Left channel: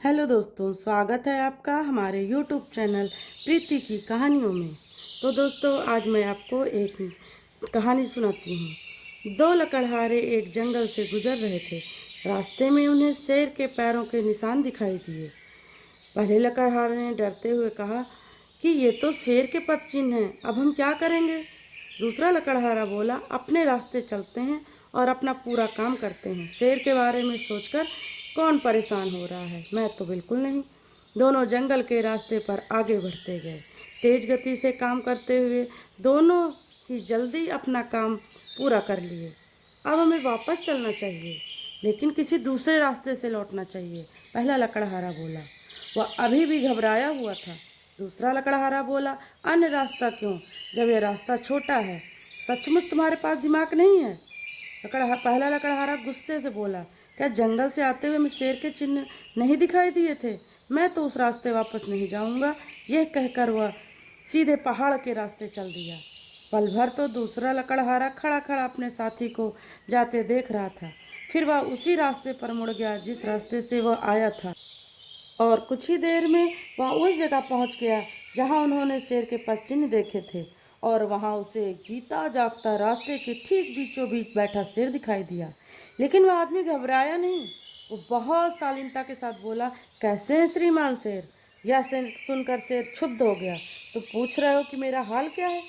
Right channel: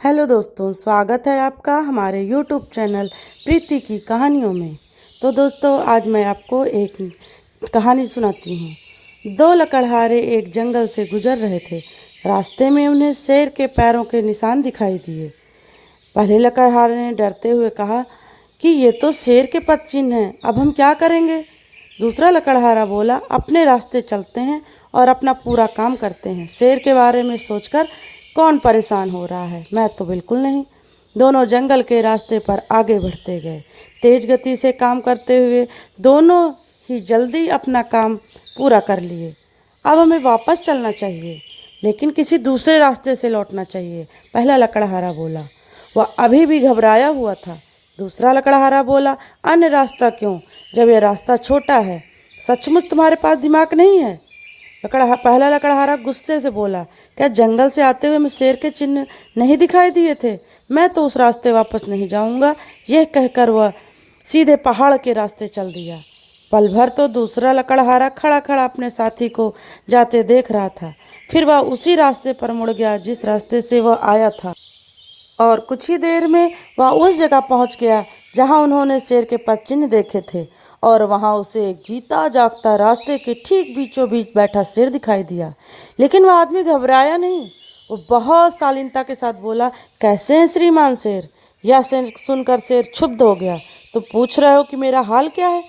Hello दोस्तों, स्वागत है आपका हमारे यूट्यूब चैनल प्रीति की कहानियों में। तो दोस्तों, आज मैं आपको एक कहानी सुनाती हूँ। दो लकड़हारे एक जंगल से गुजर रहे थे। रास्ते में उन्हें शेर के पैरों के निशान दिखाई दिए। पहले लकड़हारे ने डरते हुए कहा कि ये तो शेर के पद चिन्ह हैं, अब हम क्या करेंगे। दूसरा लकड़हारा बोला, अपने रास्ते चलते हैं और अपना पूरा काम करते हैं। शेर के बारे में सोचकर कौन परेशान हो रहा है, मैं तो बिल्कुल नहीं। दोनों जंगल के रास्ते पर आगे बढ़ते गए, तेज गति से काम करते हुए। दोनों ही जल्दी अपना काम पूरा कर लिए। अब हमें वापस चलना चाहिए, लेकिन किसी दूसरे रास्ते से लौटना चाहिए, पहला लकड़हारा बोला। वह अभी भी घबराया हुआ था। दूसरा लकड़हारा बोला, अन्य रास्ता क्यों, जब यह रास्ता छोटा है। सचमुच तुम्हारे पास दिमाग नहीं है? पहला लकड़हारा गुस्से से बोला, क्या जंगल से आते हुए मैं शेर के चिन्ह नहीं दिखाई दिए थे? मैं तो उस रास्ते वापस नहीं जाऊंगा। यह कहकर वह सीधे पहाड़ के रास्ते चल दिया। पल भर तो दूसरा लकड़हारा खड़ा खड़ा अपने साथी को जाते देख रहा था। फिर वह उसी रास्ते पर मुड़ गया जिस रास्ते से वह आया था, और कुछ ही देर में वह उस जगह पहुंच गया जहां उन्होंने शेर के पद चिन्ह देखे थे। और वहां उसे एक जीता जागता रास्ते के ठीक बीचों बीच बैठा शेर दिखाई दिया। लेकिन वह आदमी घबराया नहीं। वो बहुत शालीनता के साथ बोला, कैसे हैं श्रीमान शेर? यह सुनकर शेर क्षुब्ध हो गया। तुम पूछ रहे हो कि मेरा हाल क्या है?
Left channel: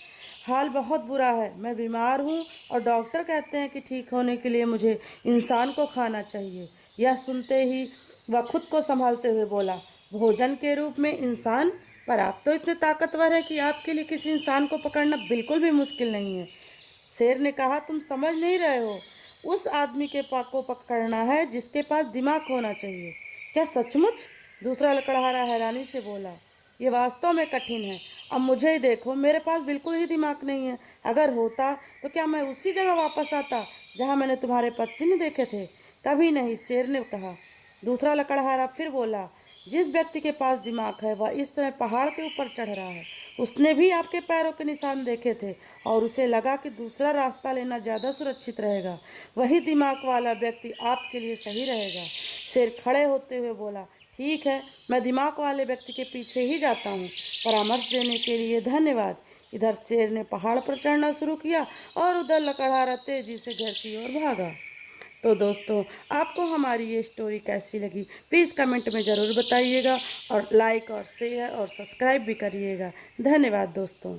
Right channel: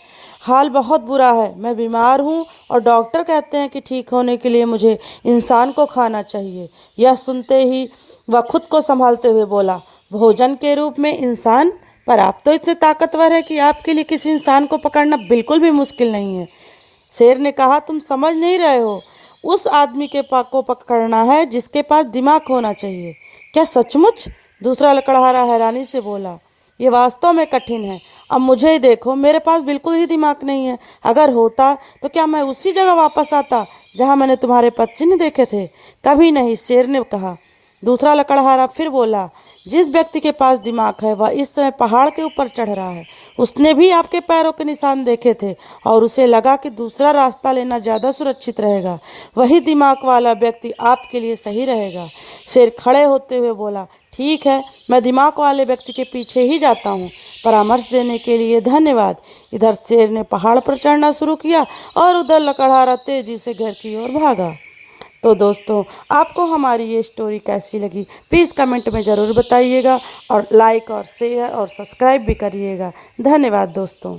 हाल बहुत बुरा है। मैं बीमार हूँ और डॉक्टर कहते हैं कि ठीक होने के लिए मुझे इंसान को खाना चाहिए। यह सुनते ही वह खुद को संभालते हुए बोला, भोजन के रूप में इंसान? पर आप तो इतने ताकतवर हैं कि आपके लिए किसी इंसान को पकड़ना बिल्कुल भी मुश्किल नहीं है। शेर ने कहा, तुम समझ नहीं रहे हो। उस आदमी के को पकड़ना है जिसके पास दिमाग होना चाहिए। क्या सचमुच? दूसरा लकड़हारा हैरानी से बोला, ये वास्तव में कठिन है। अब मुझे ही देखो, मेरे पास बिल्कुल ही दिमाग नहीं है। अगर होता तो क्या मैं उसी जगह वापस आता जहां मैंने तुम्हारे पद चिन्ह देखे थे? कभी नहीं, शेर ने कहा। दूसरा लकड़हारा फिर बोला, जिस व्यक्ति के पास दिमाग है वह इस समय पहाड़ के ऊपर चढ़ रहा है। उसने भी आपके पैरों के निशान देखे थे और उसे लगा कि दूसरा रास्ता लेना ज़्यादा सुरक्षित रहेगा। वही दिमाग वाला व्यक्ति आपके लिए सही रहेगा। शेर खड़े होते हुए बोला, ठीक है, मैं दिमाग वाले व्यक्ति के पीछे ही जाता हूँ। परामर्श देने के लिए धन्यवाद। इधर शेर ने पहाड़ पर चढ़ना शुरू किया और उधर लकड़हारा तेजी से घर की ओर भागा। तो दोस्तों, आपको हमारी ये स्टोरी कैसी लगी प्लीज़ कमेंट में ज़रूर बताइएगा, और लाइक और शेयर और सब्सक्राइब भी करिएगा। धन्यवाद दोस्तों।